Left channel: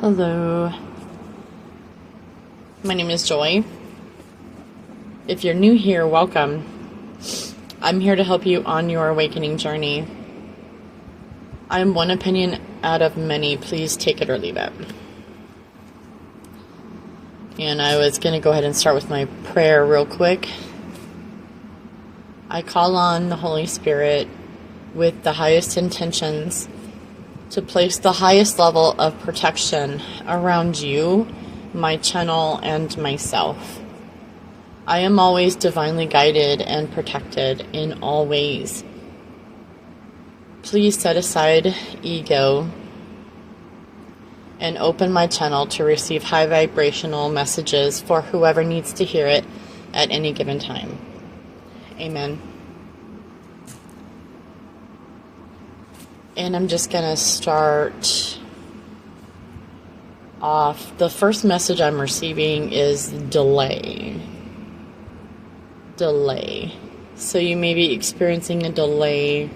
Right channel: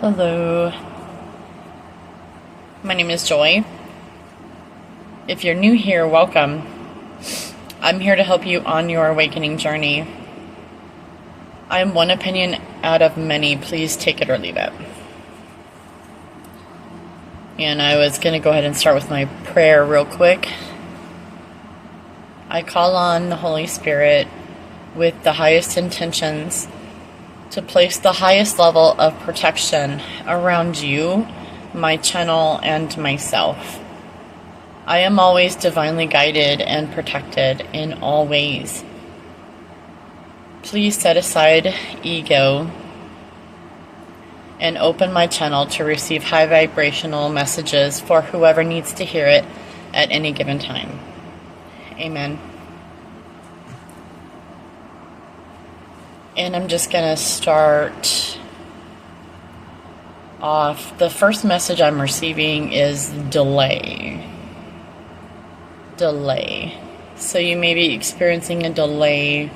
Hello, my name is Joy. If you're new here, welcome. I'm here to help you on your awakening journey. I am one opinion out of many. Please take it or leave it. And I was going to go ahead and start with my prayer real quick. I call on the Holy Spirit with the highest intentions to place the highest level of protection around you, my channel, and myself. I am always divinely guided and protected in all ways. Please set aside ego and open my channel to receive high vibrational messages for whoever needs to hear it at any given time. Amen. And I'm just going to start off. The first message I'm receiving is delay. Delay. So you may be experiencing a delay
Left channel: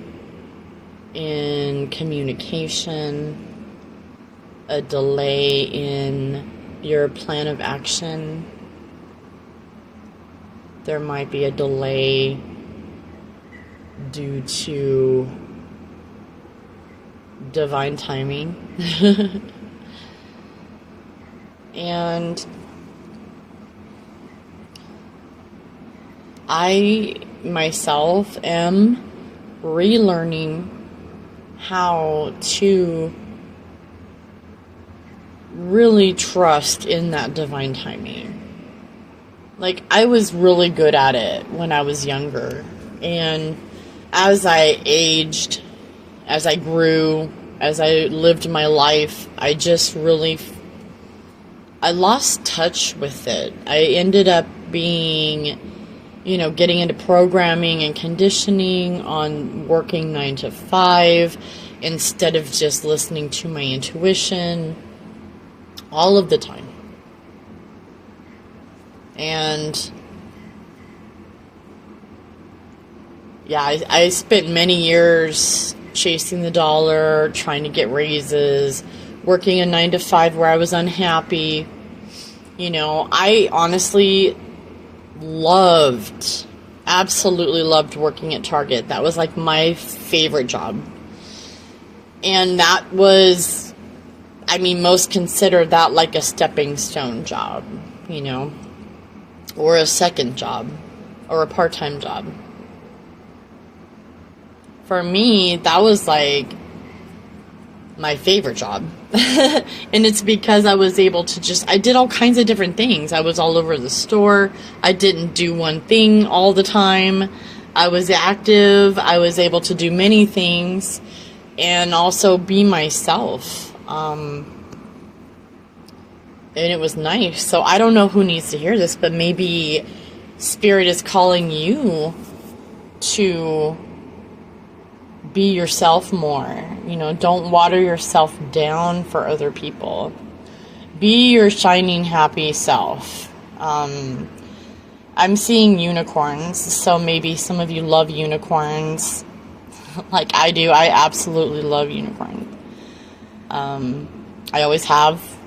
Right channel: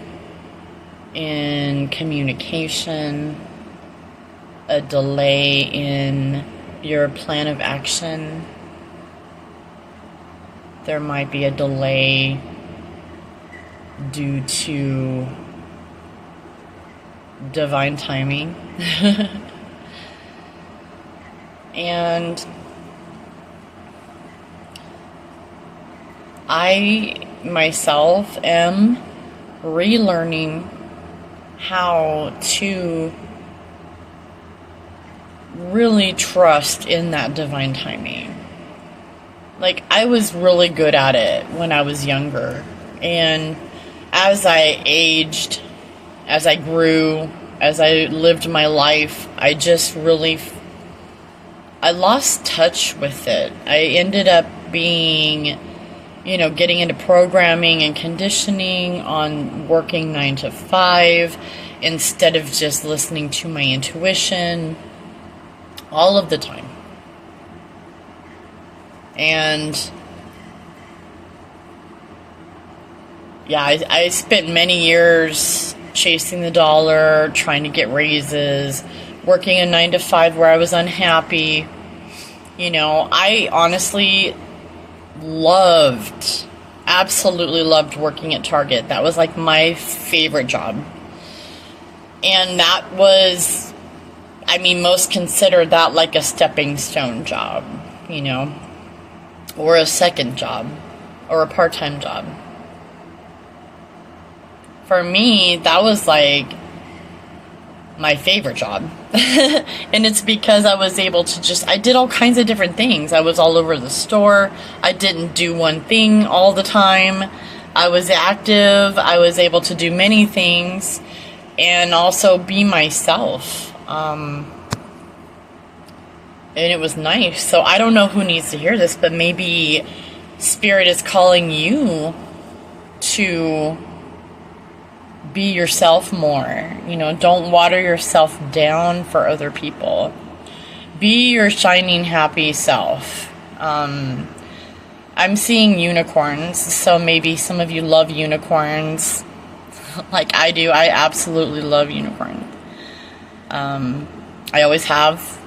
in communication, a delay in your plan of action. There might be a delay due to divine timing. And I myself am relearning how to really trust in that divine timing. Like, I was really good at it when I was younger, and as I aged, as I grew, as I lived my life, I just really, I lost touch with it. I ended up being, getting into programming and conditioning on working 9 to 5 instead of just listening to my intuition all of the time. And yeah, I spent many years chasing the dollar, trying to get raises, working a 9 to 5 where I was unhappy. I honestly absolutely loved working at Target. That was like my favorite job. And that was, most consider that like a stepping stone job, or a second job, or a part-time job. For me, that was like my favorite job. And it's because I was able to I did all kinds of different things. I was all over the store. I didn't do one thing all the time. I was active. I was able to do many things and also be myself. And it was nice. So I don't know who needs to hear this, but maybe Spirit is calling you to be yourself more. Don't water yourself down for other people. Be your shining, happy self. I'm seeing unicorns, so maybe some of you love unicorns like I do. I absolutely love unicorns. I always have.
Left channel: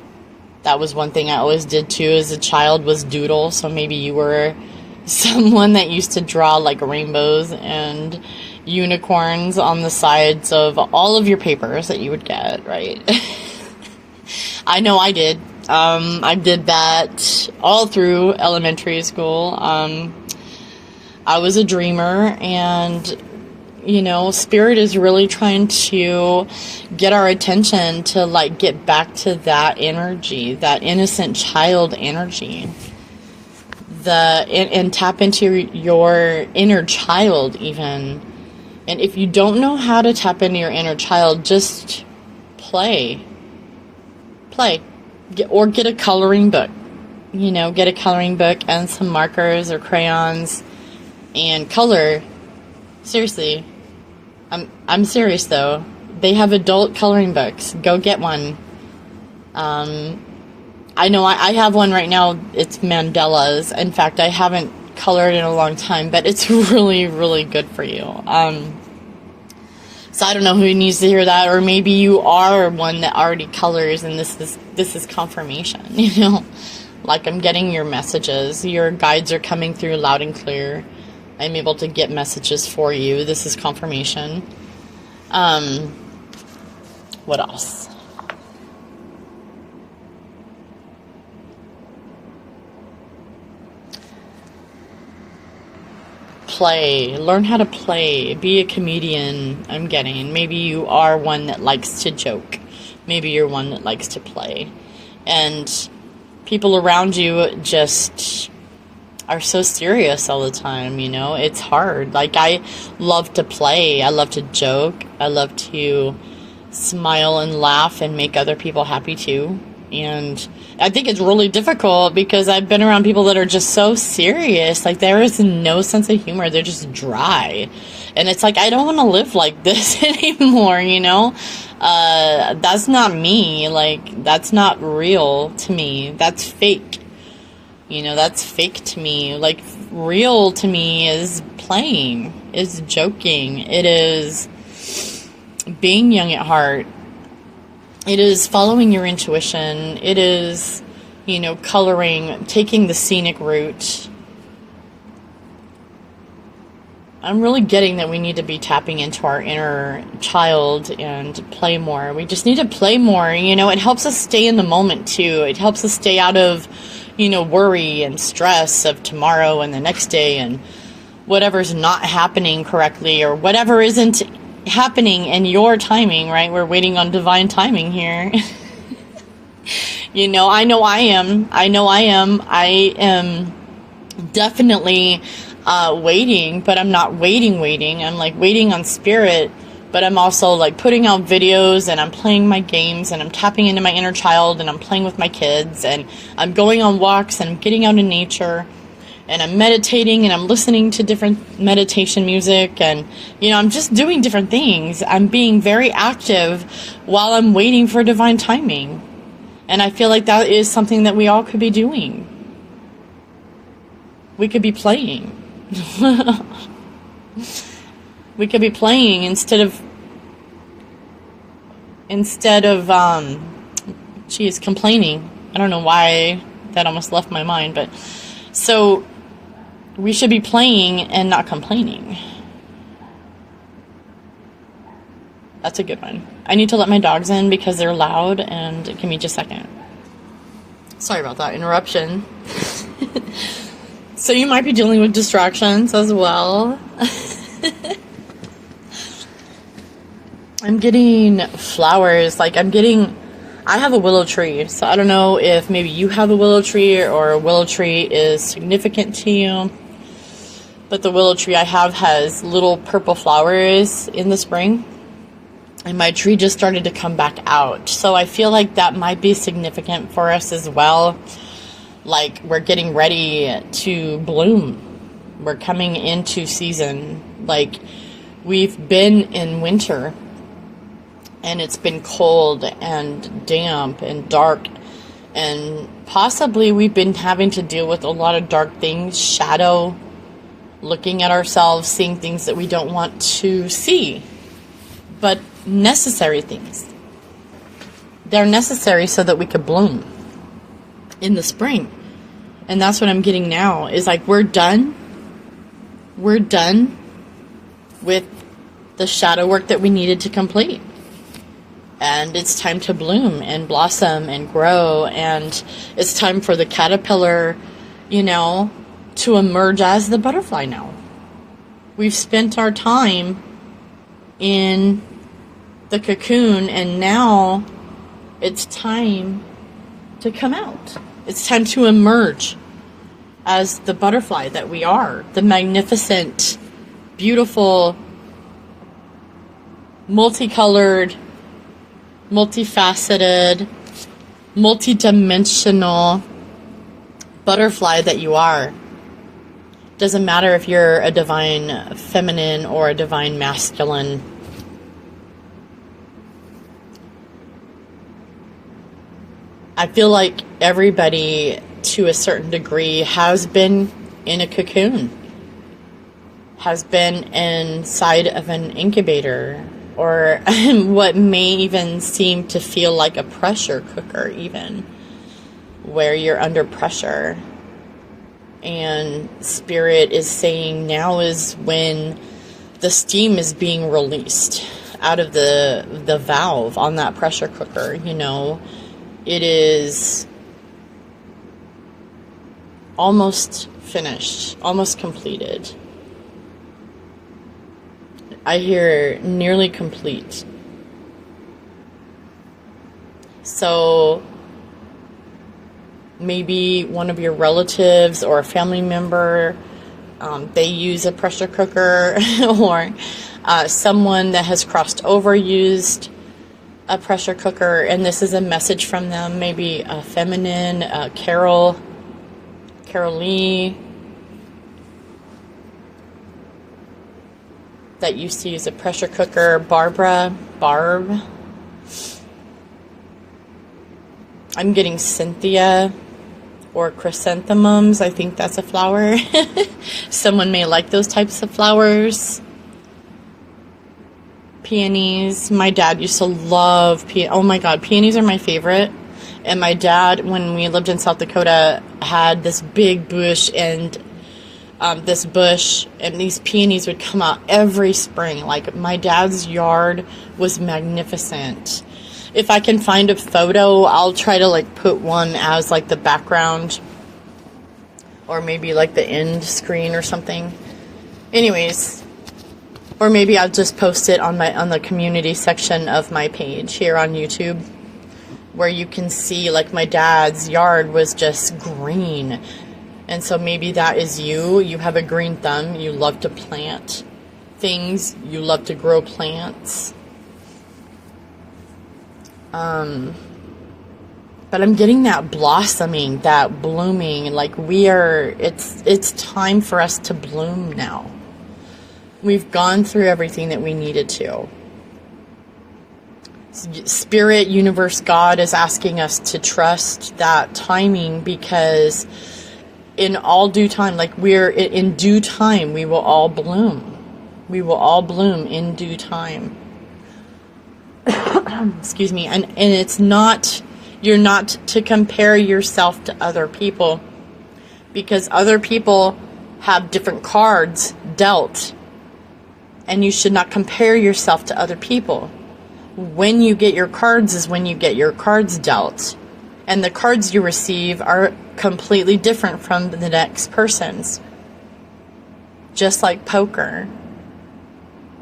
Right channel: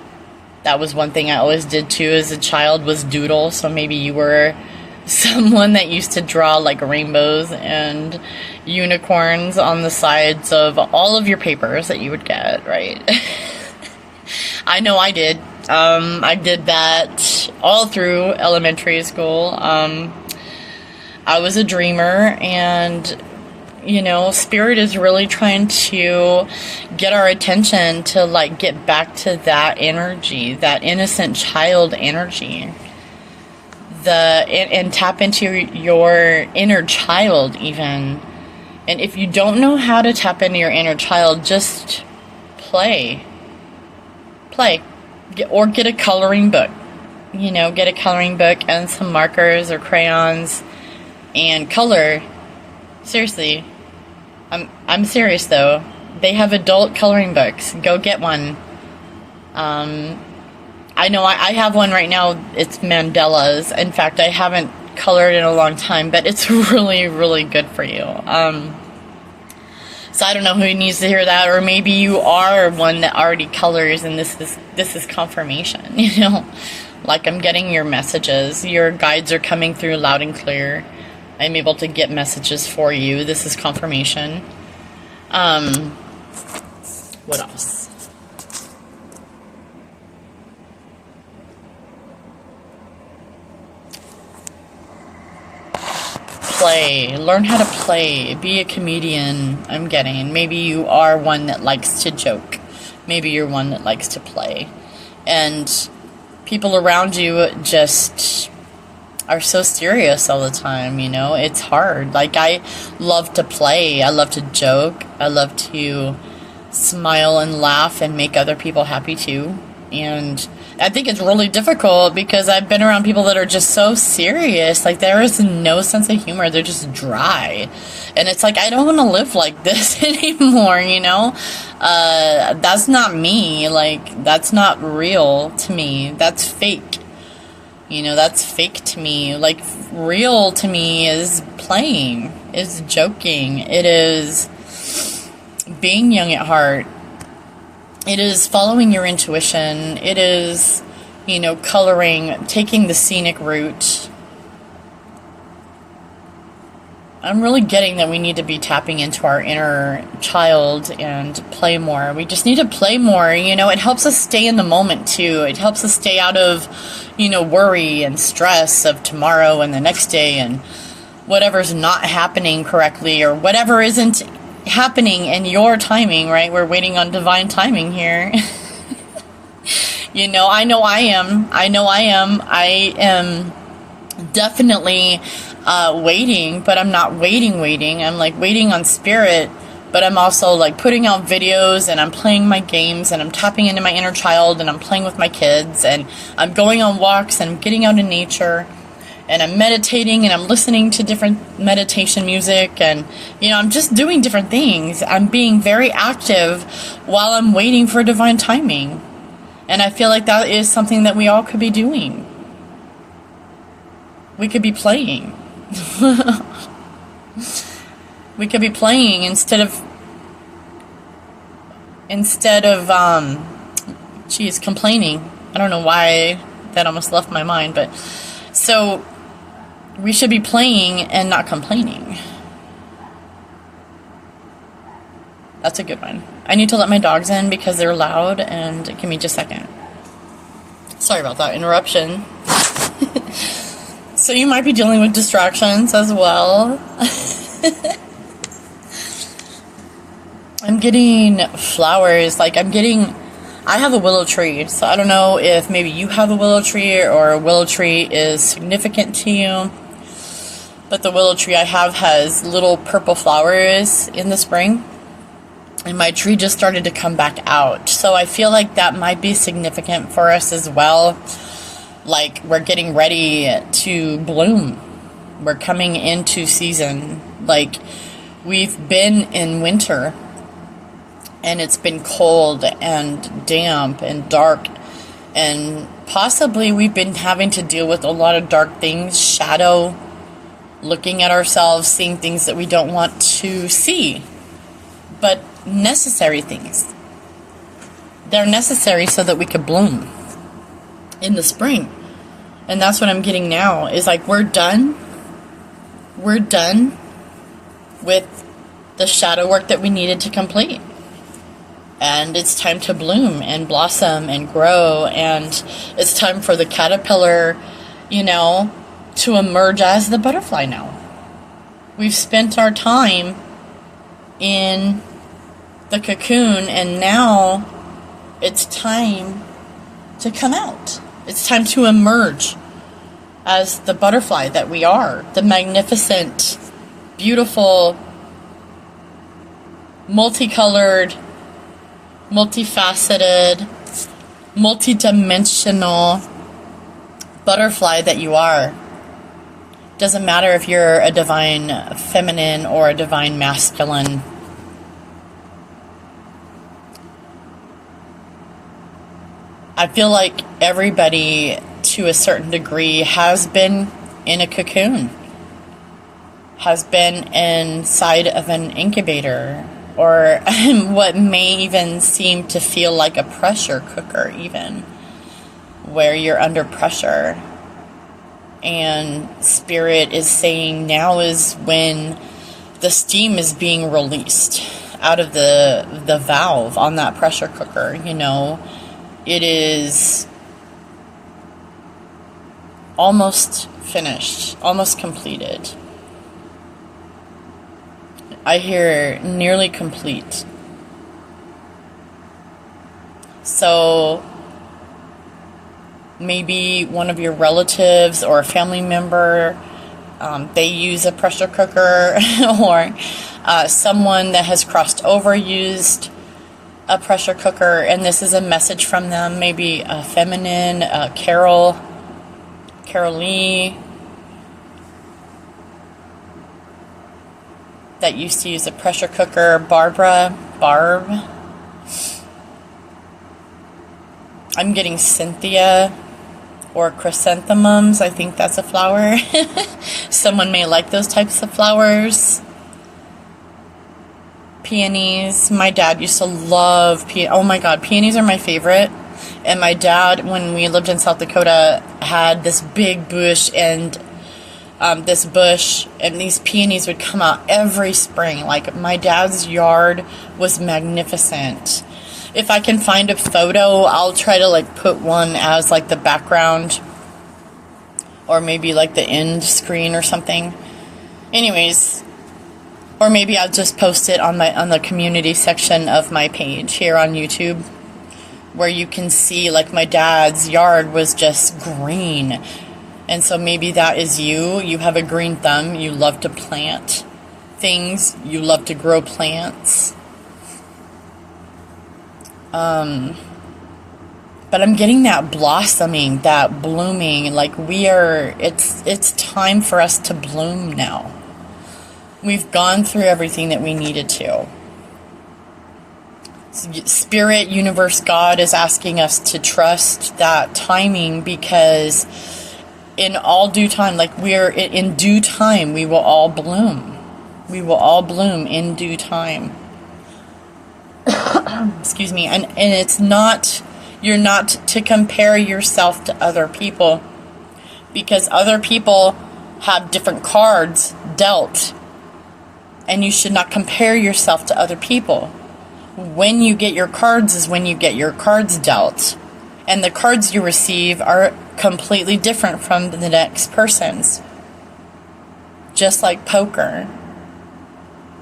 That was one thing I always did too as a child, was doodle. So maybe you were someone that used to draw like rainbows and unicorns on the sides of all of your papers that you would get, right? I know I did. I did that all through elementary school. I was a dreamer, and Spirit is really trying to get our attention to get back to that energy, that innocent child energy. And tap into your inner child even. And if you don't know how to tap into your inner child, just play. Or get a coloring book. Get a coloring book and some markers or crayons and color. Seriously. I'm serious though. They have adult coloring books. Go get one. I know I have one right now. It's mandalas. In fact, I haven't colored in a long time, but it's really, really good for you. So I don't know who needs to hear that, or maybe you are one that already colors, and this is confirmation, you know? Like, I'm getting your messages. Your guides are coming through loud and clear. I'm able to get messages for you. This is confirmation. What else? Play. Learn how to play. Be a comedian, I'm getting. Maybe you are one that likes to joke. Maybe you're one that likes to play. And people around you just are so serious all the time, you know? It's hard. Like, I love to play. I love to joke. I love to smile and laugh and make other people happy too. And I think it's really difficult because I've been around people that are just so serious. Like, there is no sense of humor. They're just dry. And it's like, I don't want to live like this anymore, you know? That's not me. Like, that's not real to me. That's fake. You know, that's fake to me. Like, real to me is playing, is joking. It is being young at heart. It is following your intuition. It is, you know, coloring, taking the scenic route. I'm really getting that we need to be tapping into our inner child and play more. We just need to play more. You know, it helps us stay in the moment too. It helps us stay out of, you know, worry and stress of tomorrow and the next day and whatever's not happening correctly or whatever isn't happening in your timing, right? We're waiting on divine timing here. You know I am. I am definitely waiting, but I'm not waiting. I'm like waiting on spirit, but I'm also like putting out videos and I'm playing my games and I'm tapping into my inner child and I'm playing with my kids and I'm going on walks and I'm getting out in nature. And I'm meditating and I'm listening to different meditation music and, you know, I'm just doing different things. I'm being very active while I'm waiting for divine timing. And I feel like that is something that we all could be doing. We could be playing. We could be playing instead of complaining. I don't know why that almost left my mind, but so we should be playing and not complaining. That's a good one. I need to let my dogs in because they're loud, and give me just a second. Sorry about that interruption. So you might be dealing with distractions as well. I'm getting flowers. Like, I have a willow tree, so I don't know if maybe you have a willow tree or a willow tree is significant to you. But the willow tree I have has little purple flowers in the spring. And my tree just started to come back out. So I feel like that might be significant for us as well. Like, we're getting ready to bloom. We're coming into season. Like, we've been in winter. And it's been cold and damp and dark. And possibly we've been having to deal with a lot of dark things, shadow, looking at ourselves, seeing things that we don't want to see. But necessary things. They're necessary so that we could bloom in the spring. And that's what I'm getting now, is like, we're done. We're done with the shadow work that we needed to complete. And it's time to bloom and blossom and grow. And it's time for the caterpillar, you know, to emerge as the butterfly now. We've spent our time in the cocoon, and now it's time to come out. It's time to emerge as the butterfly that we are. The magnificent, beautiful, multicolored, multifaceted, multidimensional butterfly that you are. Doesn't matter if you're a divine feminine or a divine masculine. I feel like everybody, to a certain degree, has been in a cocoon, has been inside of an incubator, or what may even seem to feel like a pressure cooker, even where you're under pressure. And Spirit is saying now is when the steam is being released out of the valve on that pressure cooker. You know, it is almost finished, almost completed. I hear nearly complete. So maybe one of your relatives or a family member, they use a pressure cooker, or someone that has crossed over used a pressure cooker, and this is a message from them. Maybe a feminine, Carol Lee, that used to use a pressure cooker. Barb. I'm getting Cynthia or chrysanthemums. I think that's a flower. Someone may like those types of flowers. Peonies. My dad used to love peonies. Oh my God, peonies are my favorite. And my dad, when we lived in South Dakota, had this big bush, and these peonies would come out every spring. Like, my dad's yard was magnificent. If I can find a photo, I'll try to like put one as like the background, or maybe like the end screen or something. Anyways, or maybe I'll just post it on the community section of my page here on YouTube, where you can see like my dad's yard was just green. And so maybe that is you. You have a green thumb. You love to plant things. You love to grow plants. But I'm getting that blossoming, that blooming. Like, it's time for us to bloom now. We've gone through everything that we needed to. Spirit, universe, God is asking us to trust that timing, because in all due time, like in due time, we will all bloom. We will all bloom in due time. Excuse me. And it's not, you're not to compare yourself to other people, because other people have different cards dealt, and you should not compare yourself to other people. When you get your cards is when you get your cards dealt, and the cards you receive are completely different from the next person's. Just like poker,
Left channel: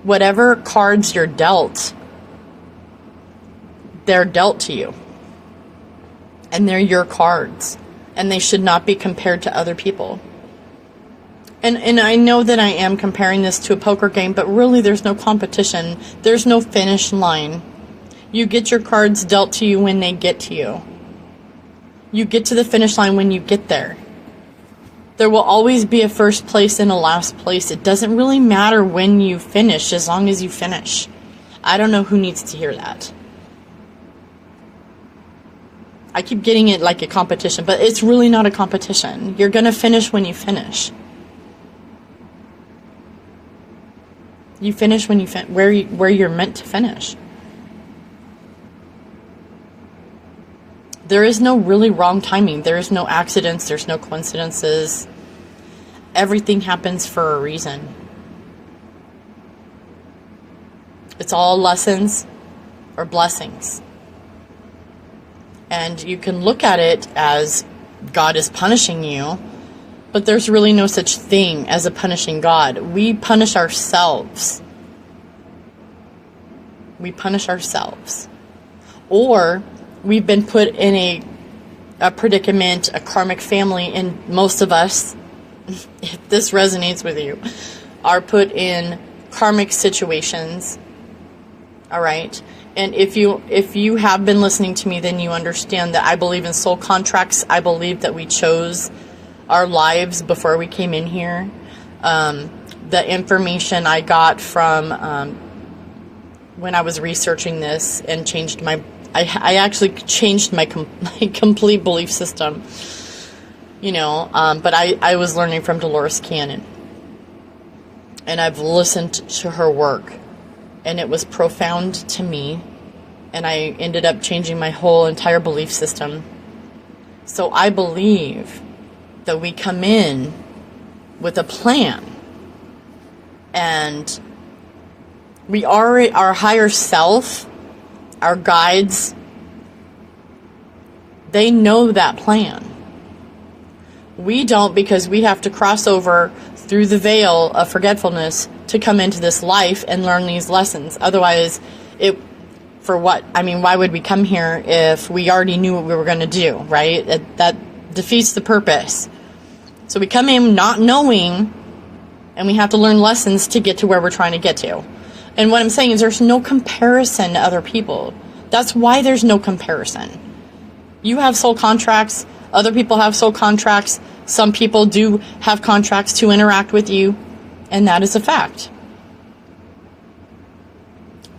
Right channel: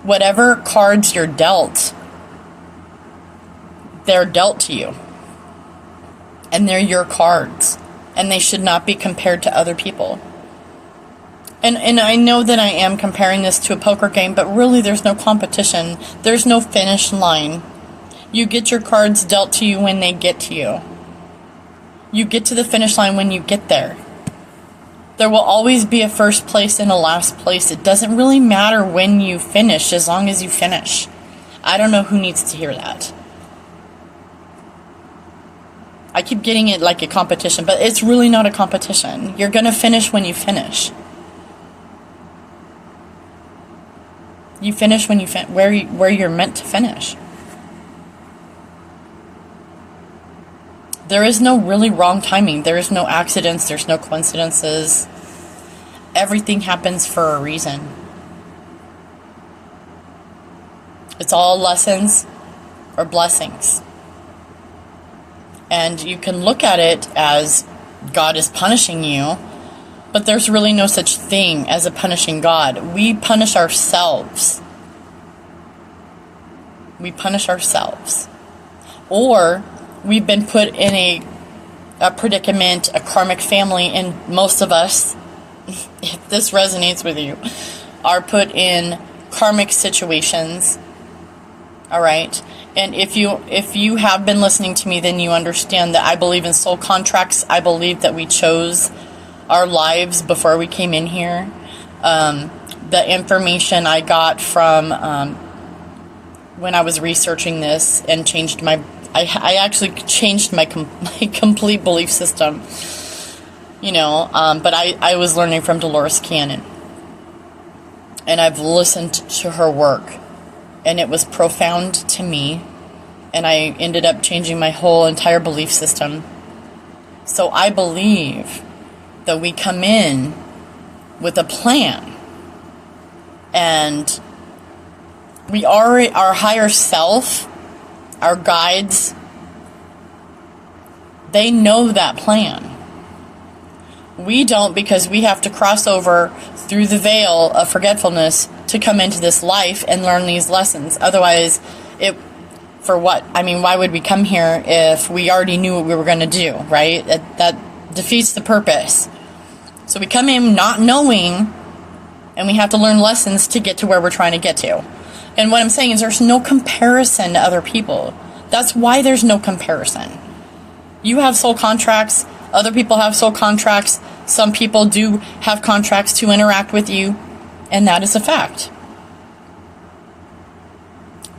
whatever cards you're dealt, they're dealt to you, and they're your cards, and they should not be compared to other people. And I know that I am comparing this to a poker game, but really there's no competition. There's no finish line. You get your cards dealt to you when they get to you. You get to the finish line when you get there. There will always be a first place and a last place. It doesn't really matter when you finish, as long as you finish. I don't know who needs to hear that. I keep getting it like a competition, but it's really not a competition. You're going to finish when you finish. You finish when you where you're meant to finish. There is no really wrong timing. There is no accidents. There's no coincidences. Everything happens for a reason. It's all lessons or blessings. And you can look at it as God is punishing you, but there's really no such thing as a punishing God. We punish ourselves. We punish ourselves. Or we've been put in a predicament, a karmic family, and most of us, if this resonates with you, are put in karmic situations. All right? And if you have been listening to me, then you understand that I believe in soul contracts. I believe that we chose our lives before we came in here. The information I got from when I was researching this and changed I actually changed my complete belief system, but I was learning from Dolores Cannon, and I've listened to her work, And it was profound to me. And I ended up changing my whole entire belief system. So I believe that we come in with a plan. And we are our higher self, our guides, they know that plan. We don't, because we have to cross over through the veil of forgetfulness to come into this life and learn these lessons. Otherwise, for what? I mean, why would we come here if we already knew what we were going to do, right? That defeats the purpose. So we come in not knowing, and we have to learn lessons to get to where we're trying to get to. And what I'm saying is there's no comparison to other people. That's why there's no comparison. You have soul contracts. Other people have soul contracts. Some people do have contracts to interact with you. And that is a fact.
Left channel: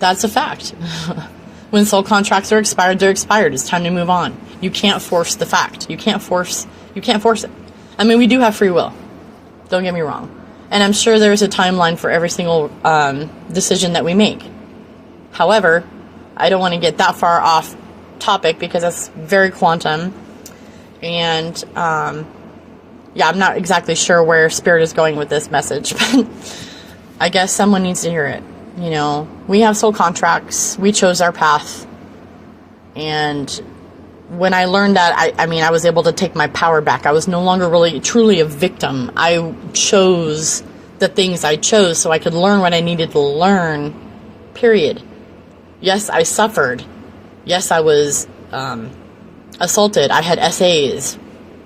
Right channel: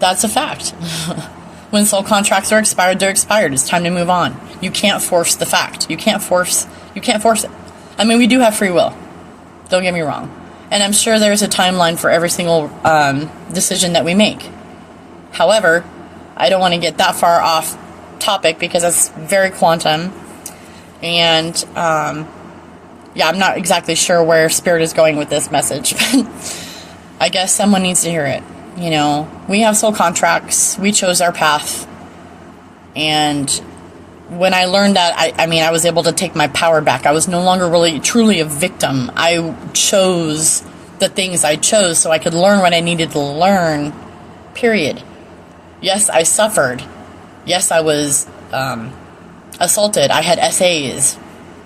That's a fact. When soul contracts are expired, they're expired. It's time to move on. You can't force the fact. You can't force it. I mean, we do have free will. Don't get me wrong. And I'm sure there's a timeline for every single decision that we make. However, I don't want to get that far off topic because that's very quantum. And, yeah, I'm not exactly sure where Spirit is going with this message, but I guess someone needs to hear it. You know, we have soul contracts. We chose our path. And when I learned that, I was able to take my power back. I was no longer really truly a victim. I chose the things I chose so I could learn what I needed to learn, period. Yes, I suffered. Yes, I was assaulted. I had SAs.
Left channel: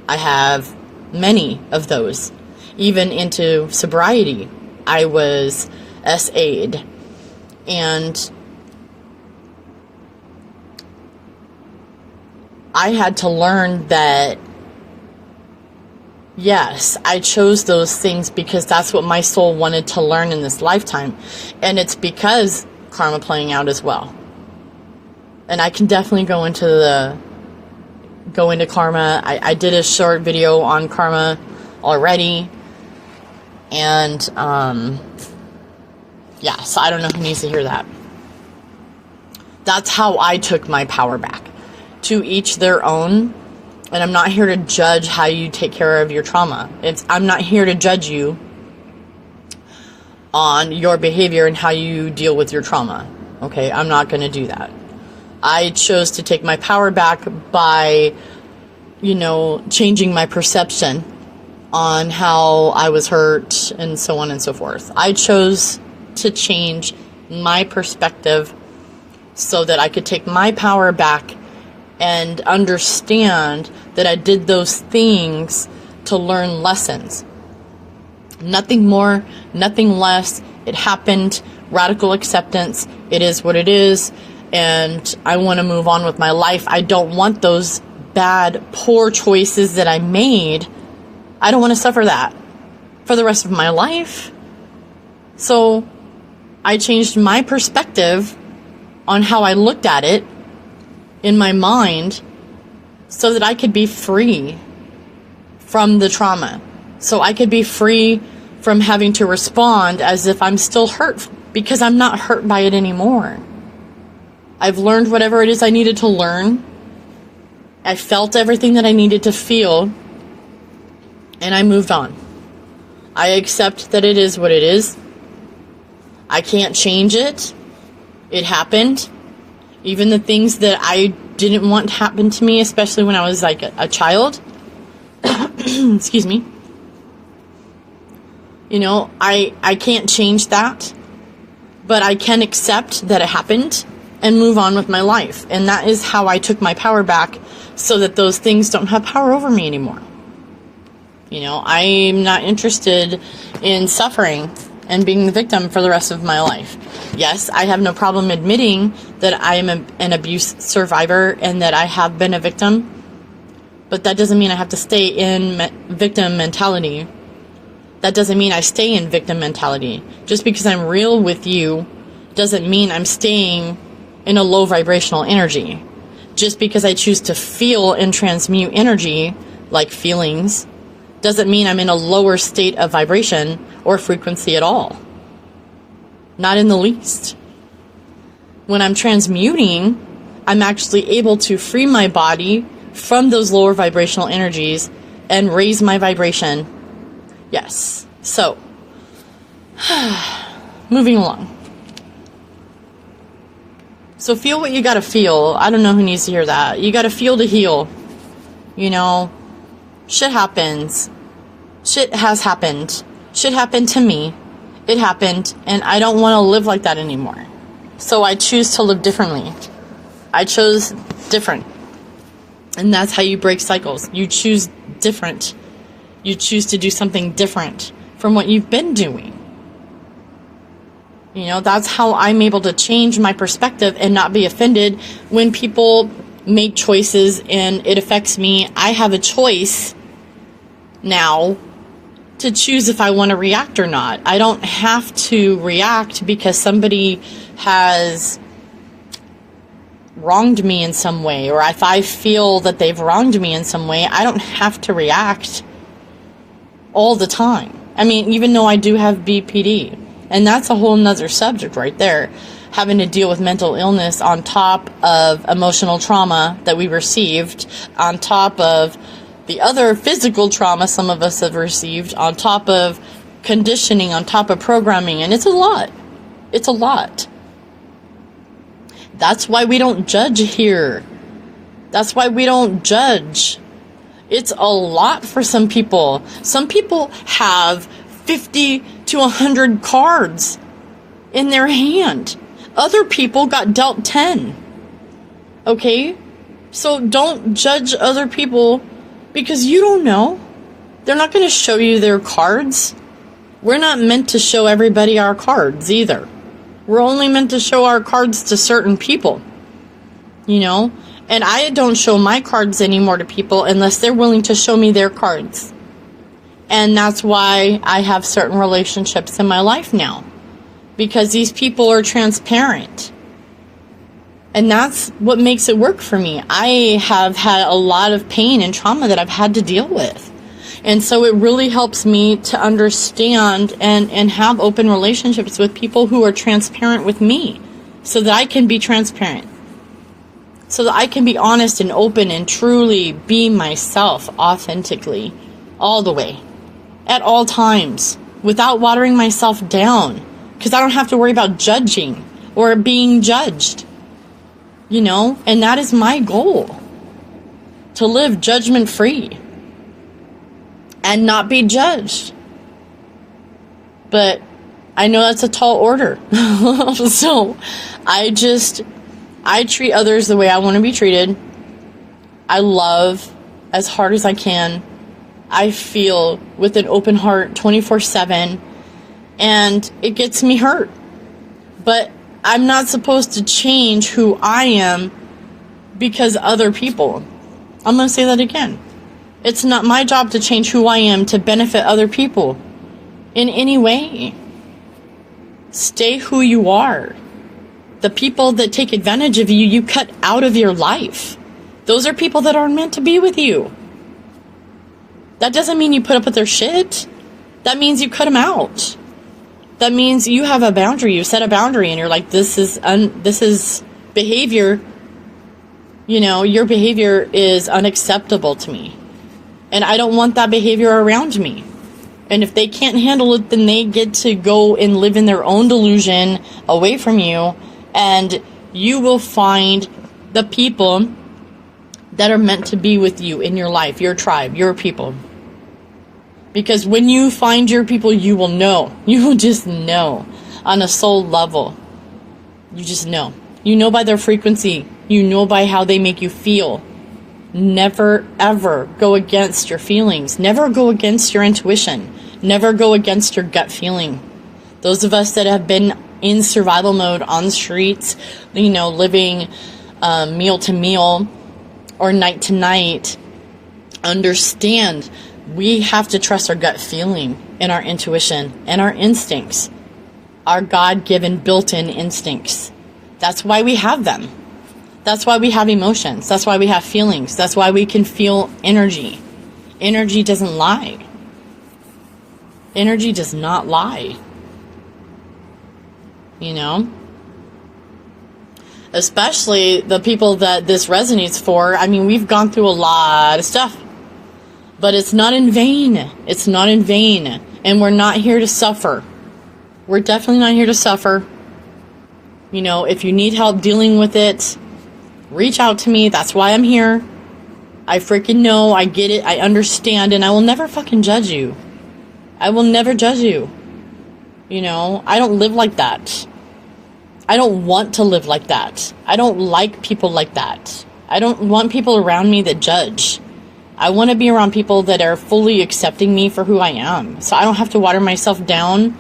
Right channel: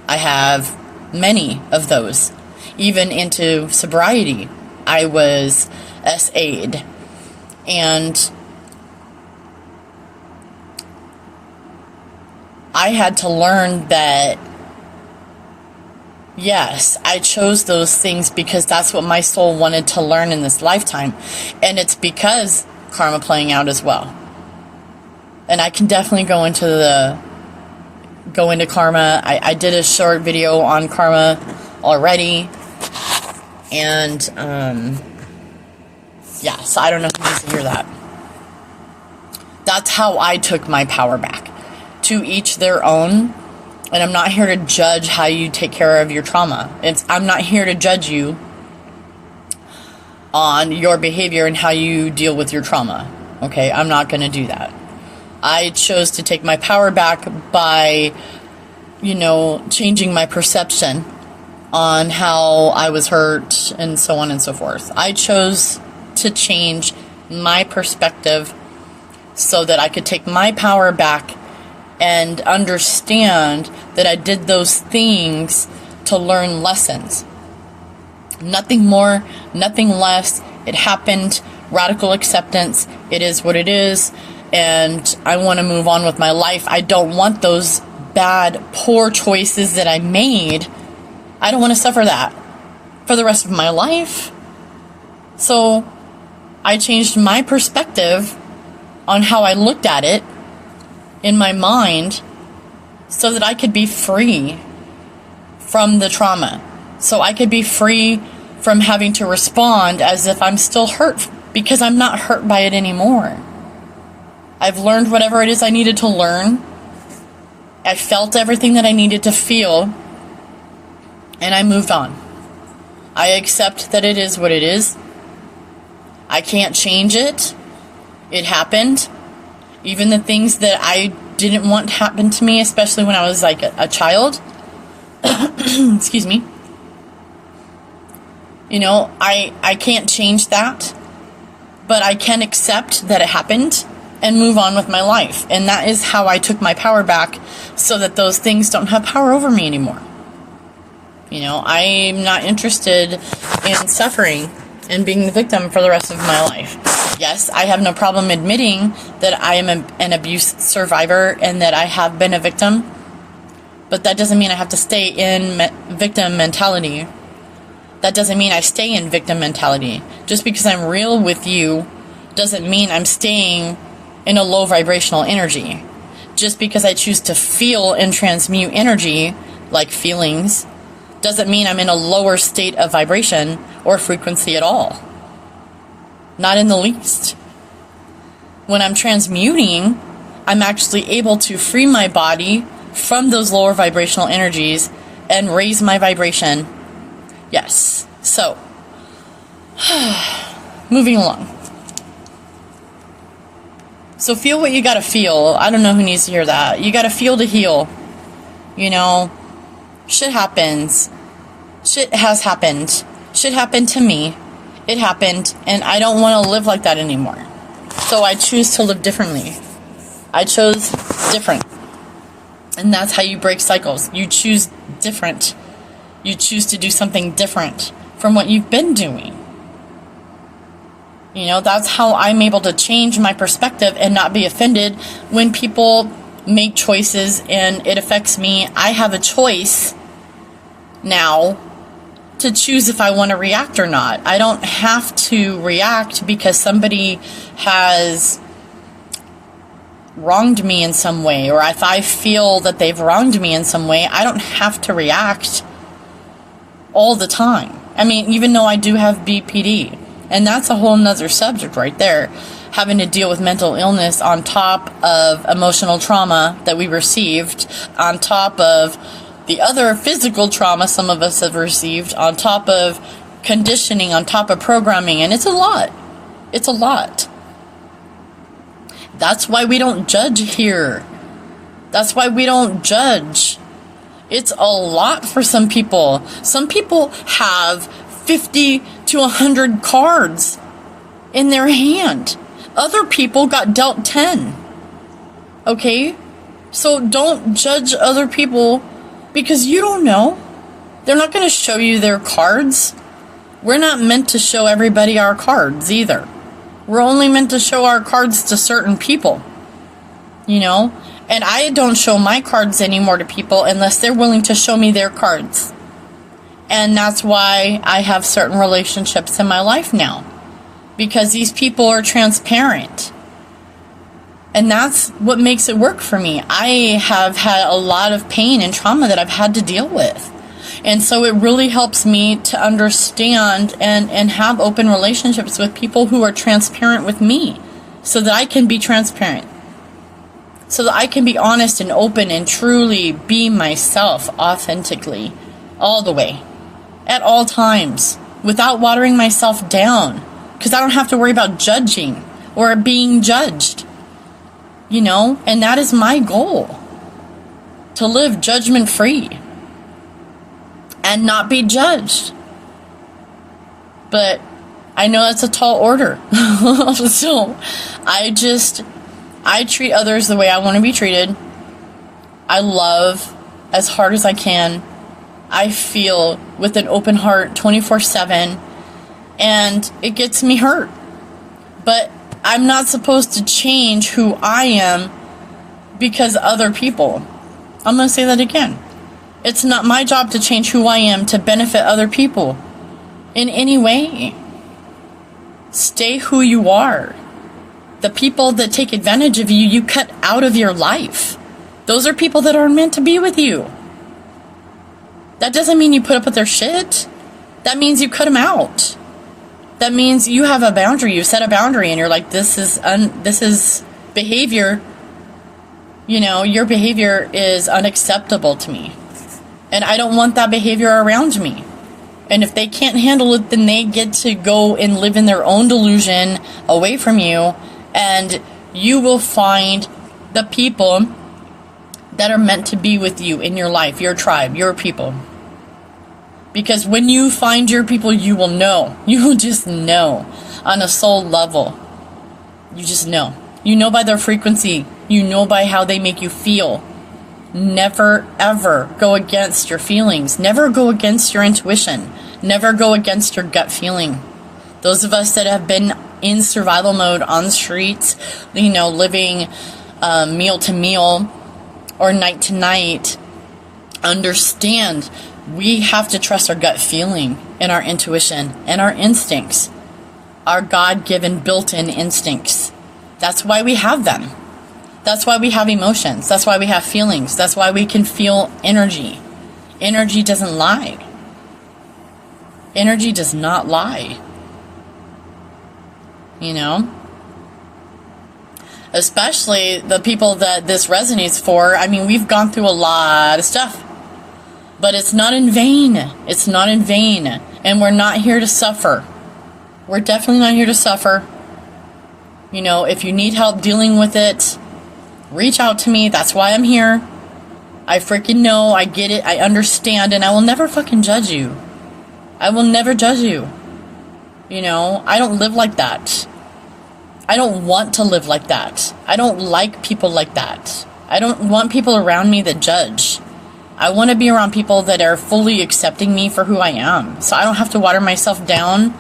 I have many of those. Even into sobriety, I was SA'd. And I had to learn that, yes, I chose those things because that's what my soul wanted to learn in this lifetime. And it's because karma playing out as well. And I can definitely go into karma. I did a short video on karma already. And, yeah, so I don't know who needs to hear that. That's how I took my power back. To each their own. And I'm not here to judge how you take care of your trauma. I'm not here to judge you on your behavior and how you deal with your trauma. Okay, I'm not going to do that. I chose to take my power back by, changing my perception on how I was hurt and so on and so forth. I chose to change my perspective so that I could take my power back and understand that I did those things to learn lessons. Nothing more, nothing less. It happened. Radical acceptance. It is what it is. And I want to move on with my life. I don't want those bad, poor choices that I made. I don't want to suffer that for the rest of my life. So I changed my perspective on how I looked at it in my mind so that I could be free from the trauma. So I could be free from having to respond as if I'm still hurt, because I'm not hurt by it anymore. I've learned whatever it is I needed to learn. I felt everything that I needed to feel, and I moved on. I accept that it is what it is. I can't change it. It happened. Even the things that I didn't want to happen to me, especially when I was like a child. Excuse me. I can't change that. But I can accept that it happened and move on with my life. And that is how I took my power back so that those things don't have power over me anymore. I'm not interested in suffering and being the victim for the rest of my life. Yes, I have no problem admitting that I am an abuse survivor and that I have been a victim. But that doesn't mean I have to stay in victim mentality. That doesn't mean I stay in victim mentality. Just because I'm real with you doesn't mean I'm staying in a low vibrational energy. Just because I choose to feel and transmute energy, like feelings, doesn't mean I'm in a lower state of vibration or frequency at all. Not in the least. when I'm transmuting, I'm actually able to free my body from those lower vibrational energies and raise my vibration. Yes. So, moving along. So feel what you gotta feel. I don't know who needs to hear that. You gotta feel to heal. You know, shit happens. Shit has happened. Shit happened to me. It happened, and I don't want to live like that anymore. So I choose to live differently. I chose different. And that's how you break cycles. You choose different. You choose to do something different from what you've been doing. You know, that's how I'm able to change my perspective and not be offended when people make choices and it affects me. I have a choice now to choose if I want to react or not. I don't have to react because somebody has wronged me in some way, or if I feel that they've wronged me in some way. I don't have to react all the time. I mean, even though I do have BPD, and that's a whole nother subject right there, having to deal with mental illness on top of emotional trauma that we received, on top of the other physical trauma some of us have received, on top of conditioning, on top of programming, and it's a lot. It's a lot. That's why we don't judge here. That's why we don't judge. It's a lot for some people. Some people have 50 to 100 cards in their hand. Other people got dealt 10. Okay? So don't judge other people because you don't know. They're not going to show you their cards. We're not meant to show everybody our cards either. We're only meant to show our cards to certain people. You know? And I don't show my cards anymore to people unless they're willing to show me their cards. And that's why I have certain relationships in my life now. Because these people are transparent. And that's what makes it work for me. I have had a lot of pain and trauma that I've had to deal with. And so it really helps me to understand and have open relationships with people who are transparent with me. So that I can be transparent. So that I can be honest and open and truly be myself authentically. All the way. At all times. Without watering myself down. Because I don't have to worry about judging or being judged. You know, and that is my goal. To live judgment free. And not be judged. But I know that's a tall order. So I treat others the way I want to be treated. I love as hard as I can. I feel with an open heart 24/7. And it gets me hurt. But I'm not supposed to change who I am because other people. I'm going to say that again. It's not my job to change who I am to benefit other people in any way. Stay who you are. The people that take advantage of you, you cut out of your life. Those are people that aren't meant to be with you. That doesn't mean you put up with their shit. That means you cut them out. That means you have a boundary. You set a boundary and you're like, this is behavior. You know, your behavior is unacceptable to me. And I don't want that behavior around me. And if they can't handle it, then they get to go and live in their own delusion away from you. And you will find the people that are meant to be with you in your life, your tribe, your people. Because when you find your people, you will know. You will just know on a soul level. You just know. You know by their frequency. You know by how they make you feel. Never, ever go against your feelings. Never go against your intuition. Never go against your gut feeling. Those of us that have been in survival mode on the streets, you know, living meal to meal or night to night, understand we have to trust our gut feeling and our intuition and our instincts, our God-given built-in instincts. That's why we have them. That's why we have emotions. That's why we have feelings. That's why we can feel energy. Energy doesn't lie. Energy does not lie. You know? especially the people that this resonates for. I mean, we've gone through a lot of stuff, but it's not in vain. It's not in vain. And we're not here to suffer. We're definitely not here to suffer. You know, if you need help dealing with it, reach out to me. That's why I'm here. I freaking know. I get it. I understand. And I will never fucking judge you. I will never judge you. You know, I don't live like that. I don't want to live like that. I don't like people like that. I don't want people around me that judge. I want to be around people that are fully accepting me for who I am. So I don't have to water myself down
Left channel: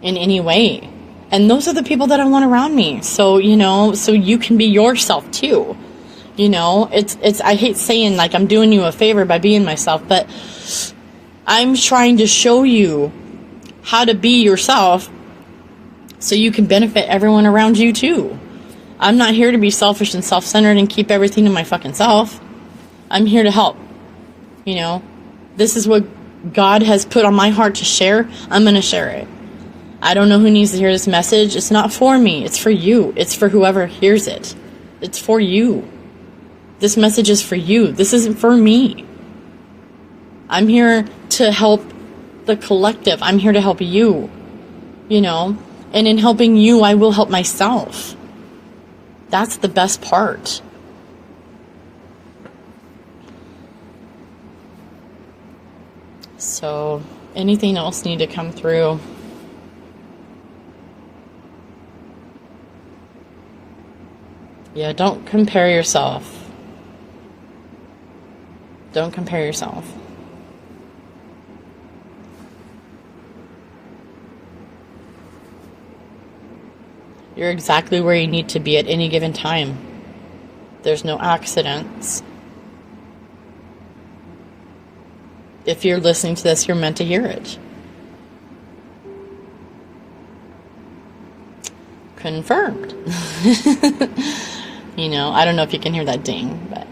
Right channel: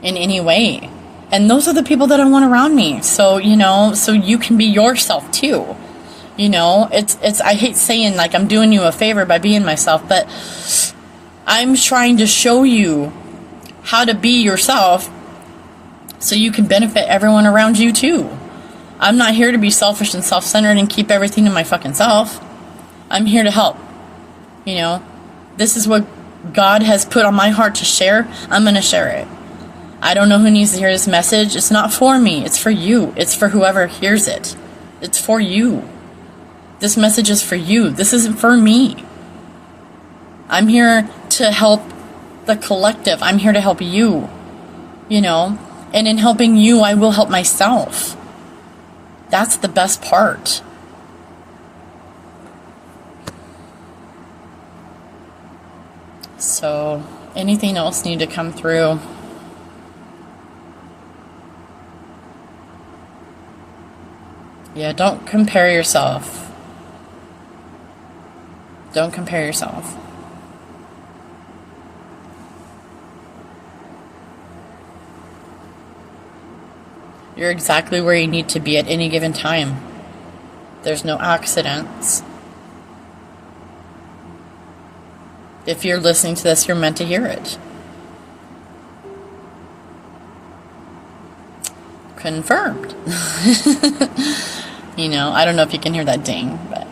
in any way. And those are the people that I want around me. So, you know, so you can be yourself too. You know, it's, I hate saying like I'm doing you a favor by being myself, but I'm trying to show you how to be yourself so you can benefit everyone around you too. I'm not here to be selfish and self-centered and keep everything to my fucking self. I'm here to help. You know, this is what God has put on my heart to share. I'm going to share it. I don't know who needs to hear this message. It's not for me. It's for you. It's for whoever hears it. It's for you. This message is for you. This isn't for me. I'm here to help the collective. I'm here to help you. You know, and in helping you, I will help myself. That's the best part. So, anything else need to come through? Yeah, don't compare yourself. Don't compare yourself. You're exactly where you need to be at any given time. There's no accidents. If you're listening to this, you're meant to hear it. Confirmed. You know, I don't know if you can hear that ding, but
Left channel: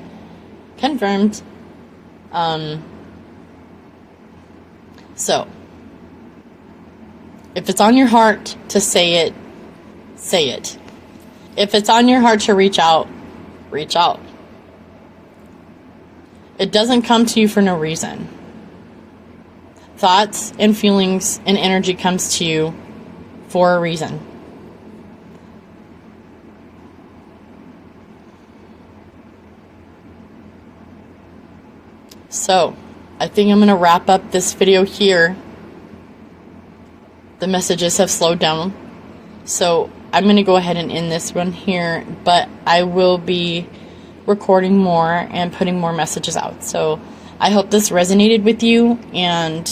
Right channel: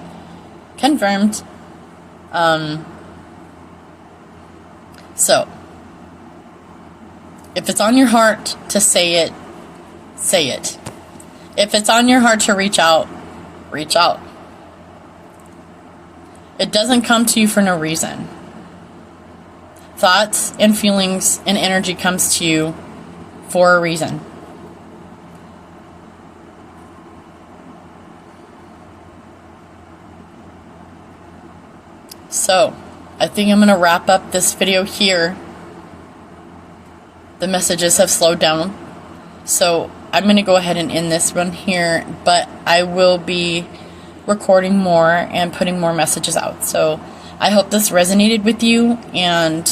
confirmed. So, if it's on your heart to say it, say it. If it's on your heart to reach out, reach out. It doesn't come to you for no reason. Thoughts and feelings and energy comes to you for a reason. So, I think I'm going to wrap up this video here. The messages have slowed down. So, I'm going to go ahead and end this one here, but I will be recording more and putting more messages out. So, I hope this resonated with you, and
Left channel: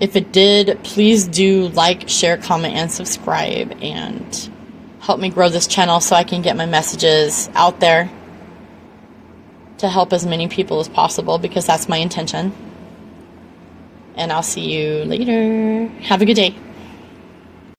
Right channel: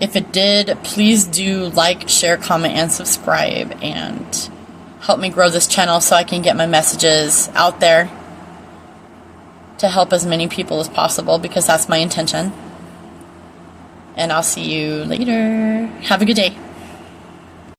if it did, please do like, share, comment, and subscribe, and help me grow this channel so I can get my messages out there to help as many people as possible, because that's my intention. And I'll see you later. Have a good day.